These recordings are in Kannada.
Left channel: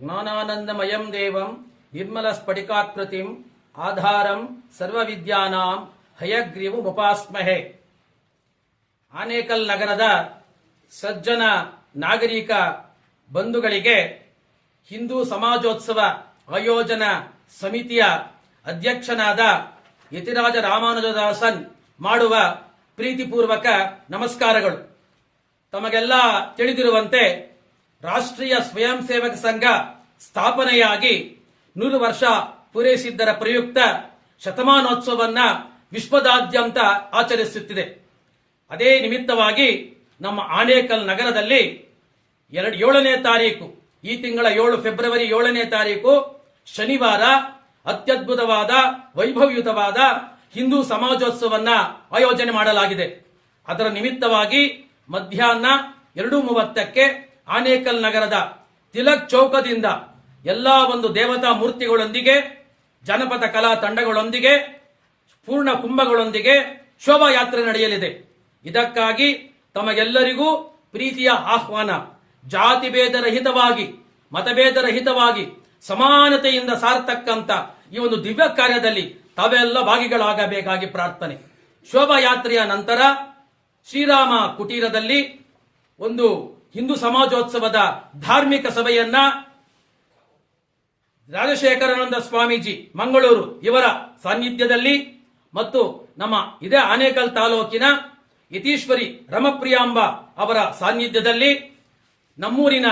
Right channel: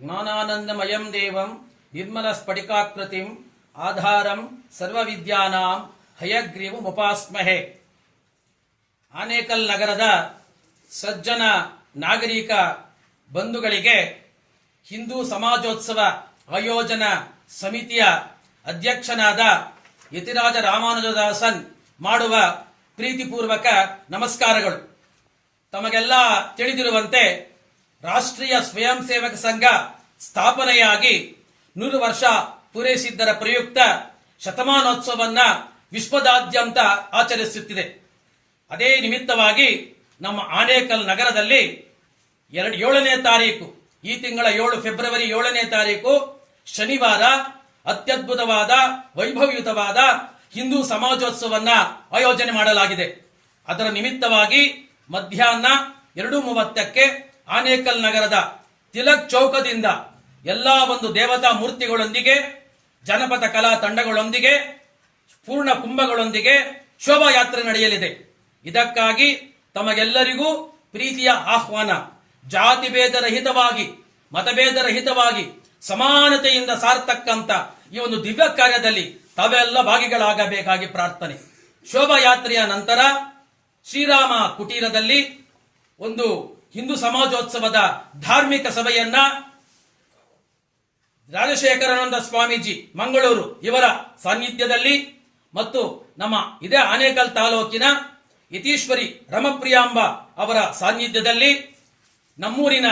ಜ್ಞಾನಾನಂದಮಯಂ ದೇವಂ ನಿರ್ಮಲ ಸ್ಫಟಿಕಾಕೃತಿಂ ಆಧಾರಂ ಸರ್ವವಿದ್ಯಾನಾಂ ಹಯಗ್ರೀವಮುಪಾಸ್ಮಹೆ. ಆನೇಕಲ್ ನಗರದ ಸಜ್ಜನ ನಾಗರಿಕ ಬಂಧುಗಳಿಗೆ ಹಿಂದೂ ಸಮಾಜೋತ್ಸವ ಆಯೋಜನಾ ಸಮಿತಿಯ ಅಧ್ಯಕ್ಷನಾದ ಯತಿರಾಜ ರಾಮಾನುಜದಾಸನ್ ಮಾಡುವ ಪ್ರೀತಿಪೂರ್ವಕ ನಮಸ್ಕಾರಗಳು. ತಮಗೆಲ್ಲ ತಿಳಿದಿರುವಂತೆ ರಾಷ್ಟ್ರೀಯ ಸ್ವಯಂ ಸೇವಕ ಸಂಘ ಸ್ಥಾಪನೆಯಾಗಿ 100 ವರ್ಷ ಪೂರೈಸಿದ್ದರ ಪ್ರಯುಕ್ತ ಶತಮಾನೋತ್ಸವವನ್ನು ವಿಶ್ವದಾದ್ಯಂತ ಆಚರಿಸುತ್ತಿದೆ. ಅದೇ ನಿಮಿತ್ತವಾಗಿ ನಮ್ಮ ಆನೇಕಲ್ ನಗರದಲ್ಲಿ 7ನೇ ತಾರೀಕು, ಈ ತಿಂಗಳ 7 ಫೆಬ್ರವರಿ 7ನೇ ತಾರೀಕು ಶನಿವಾರ ಅತ್ಯದ್ಭುತವಾದ ವೈಭವಯುತವಾದ ಹಿಂದೂ ಸಮಾಜೋತ್ಸವವನ್ನು ಆಯೋಜನೆ ಮಾಡಲಾಗಿದೆ. ಅದರ ನಿಮಿತ್ತವಾಗಿ ಮಧ್ಯಾಹ್ನ 2:30ಕ್ಕೆ ಆನೇಕಲ್ ನಗರದ ತಿಲಕ್ ಚೌಕದಿಂದ ಎಲ್ಲಾ ಒಂದು ದೇವತಾ ಮೂರ್ತಿಗಳೊಂದಿಗೆ, ಜನಪದ ಕಲಾ ತಂಡಗಳೊಂದಿಗೆ, ಪೂರ್ಣ ಕುಂಭಗಳೊಂದಿಗೆ ಶೋಭಾಯಾತ್ರೆ ನಡೆಯಲಿದೆ. ಇದಕ್ಕಾಗಿ ತಮಗೆಲ್ಲರಿಗೂ ಪ್ರೀತಿಯ ಆಹ್ವಾನ. ಜಾತಿ ಭೇದರಹಿತವಾಗಿ, ಮತಭೇದರಹಿತವಾಗಿ, ಸಮಾನತೆಯಿಂದ ಸಾರತಕ್ಕಂತ ಈ ಒಂದು ದಿವ್ಯ ಕಾರ್ಯದಲ್ಲಿ ತಾವೆಲ್ಲ ಭಾಗಿಗಳಾಗಬೇಕಾಗಿ ಪ್ರಾರ್ಥನೆ. ಶೋಭಾಯಾತ್ರೆಯ ನಂತರ ಶ್ರೀರಾಮ ಕುಟೀರದಲ್ಲಿ ಒಂದು ಹಿಂದೂ ಸಮಾಜೋತ್ಸವದ ಧಾರ್ಮಿಕ ಸಭೆಯನ್ನ ರಾಜಶೇಖರಾನಂದ ಸ್ವಾಮೀಜಿ ಮಂಗಳೂರು ಇವರ ಸಾನ್ನಿಧ್ಯದಲ್ಲಿ ಮತ್ತು ನಮ್ಮ ಇದೇ ಆನೇಕಲ್ ತಾಲೂಕಿನ ಯತೀಶ್ವರಿ ರಮಪ್ರಿಯಾಂಬ ಅವರ ಸಾನ್ನಿಧ್ಯದಲ್ಲಿ ನಮ್ಮೂರಿನ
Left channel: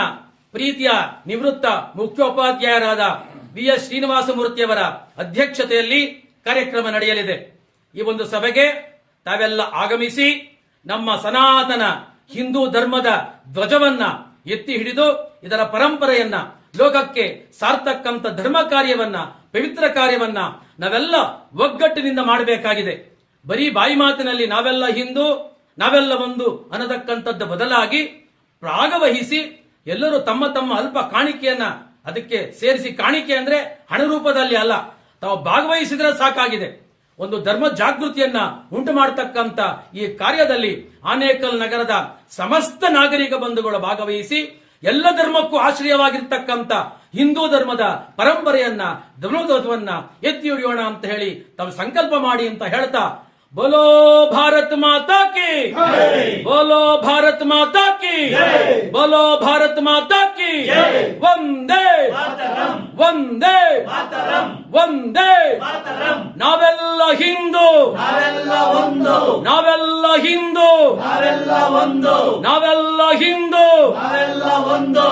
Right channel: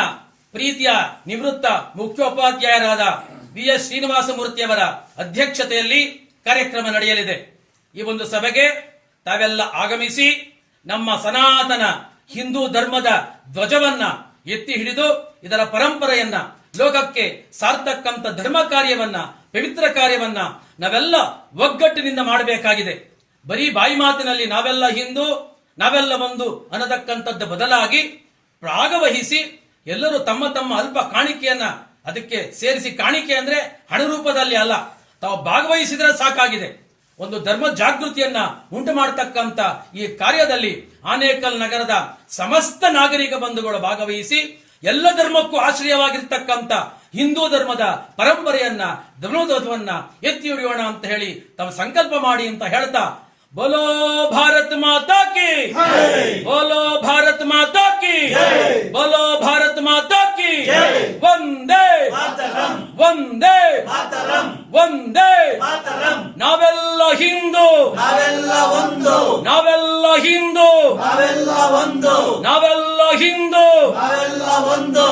ಪ್ರೀತಿಯ ನಿವೃತ್ತ ಮುಖ್ಯೋಪಾಧ್ಯಾಯರಾದ ವಿ.ಎಸ್. ಶ್ರೀನಿವಾಸಮೂರ್ತಿಯವರ ಅಧ್ಯಕ್ಷತೆಯಲ್ಲಿ ಕಾರ್ಯಕ್ರಮ ನಡೆಯಲಿದೆ. ಈ ಒಂದು ಸಭೆಗೆ ತಾವೆಲ್ಲ ಆಗಮಿಸಿ ನಮ್ಮ ಸನಾತನ ಹಿಂದೂ ಧರ್ಮದ ಧ್ವಜವನ್ನ ಎತ್ತಿ ಹಿಡಿದು ಇದರ ಪರಂಪರೆಯನ್ನ ಲೋಕಕ್ಕೆ ಸಾರ್ತಕ್ಕಂಥ ಧರ್ಮ ಕಾರ್ಯವನ್ನ, ಪವಿತ್ರ ಕಾರ್ಯವನ್ನ ನಾವೆಲ್ಲ ಒಗ್ಗಟ್ಟಿನಿಂದ ಮಾಡಬೇಕಾಗಿದೆ. ಬರೀ ಬಾಯಿ ಮಾತಿನಲ್ಲಿ ನಾವೆಲ್ಲ ಹಿಂದೂ, ನಾವೆಲ್ಲ ಒಂದು ಅನ್ನತಕ್ಕಂಥದ್ದು ಬದಲಾಗಿ ಭಾಗವಹಿಸಿ ಎಲ್ಲರೂ ತಮ್ಮ ತಮ್ಮ ಅಲ್ಪ ಕಾಣಿಕೆಯನ್ನ ಅದಕ್ಕೆ ಸೇರಿಸಿ, ಕಾಣಿಕೆ ಅಂದ್ರೆ ಹಣ ರೂಪದಲ್ಲಿ ಅಲ್ಲ, ತಾವು ಭಾಗವಹಿಸಿದ್ರೆ ಸಾಕಾಗಿದೆ. ಒಂದು ಧರ್ಮ ಜಾಗೃತಿಯನ್ನ ಉಂಟು ಮಾಡತಕ್ಕಂತ ಈ ಕಾರ್ಯದಲ್ಲಿ ಆನೇಕಲ್ ನಗರದ ಸಮಸ್ತ ನಾಗರಿಕ ಬಂಧುಗಳು ಭಾಗವಹಿಸಿ ಎಲ್ಲ ಧರ್ಮಕ್ಕೂ ಆಶ್ರಯವಾಗಿರ್ತಕ್ಕಂಥ ಹಿಂದೂ ಧರ್ಮದ ಪರಂಪರೆಯನ್ನ, ಧರ್ಮೋಧ್ವಜವನ್ನ ಎತ್ತಿ ಹಿಡಿಯೋಣ ಅಂತ ಹೇಳಿ ತಾವು ಸಂಕಲ್ಪ ಮಾಡಿ ಅಂತ ಹೇಳ್ತಾ, ಬೋಲೋ ಭಾರತ್ ಮಾತಾ ಕಿ, ಬೋಲೋ ಭಾರತ್ ಮಾತಾ ಕಿ, ಬೋಲೋ ಭಾರತ್ ಮಾತಾ ಕಿ, ವಂದೇ ವಂದೇ ವಂದೇ. ನಾವೆಲ್ಲ ಹಿಂದೂ, ನಾವೆಲ್ಲ ಒಂದು, ನಾವೆಲ್ಲ ಹಿಂದೂ, ನಾವೆಲ್ಲ ಒಂದು, ನಾವೆಲ್ಲ ಹಿಂದೂ, ನಾವೆಲ್ಲ ಒಂದು.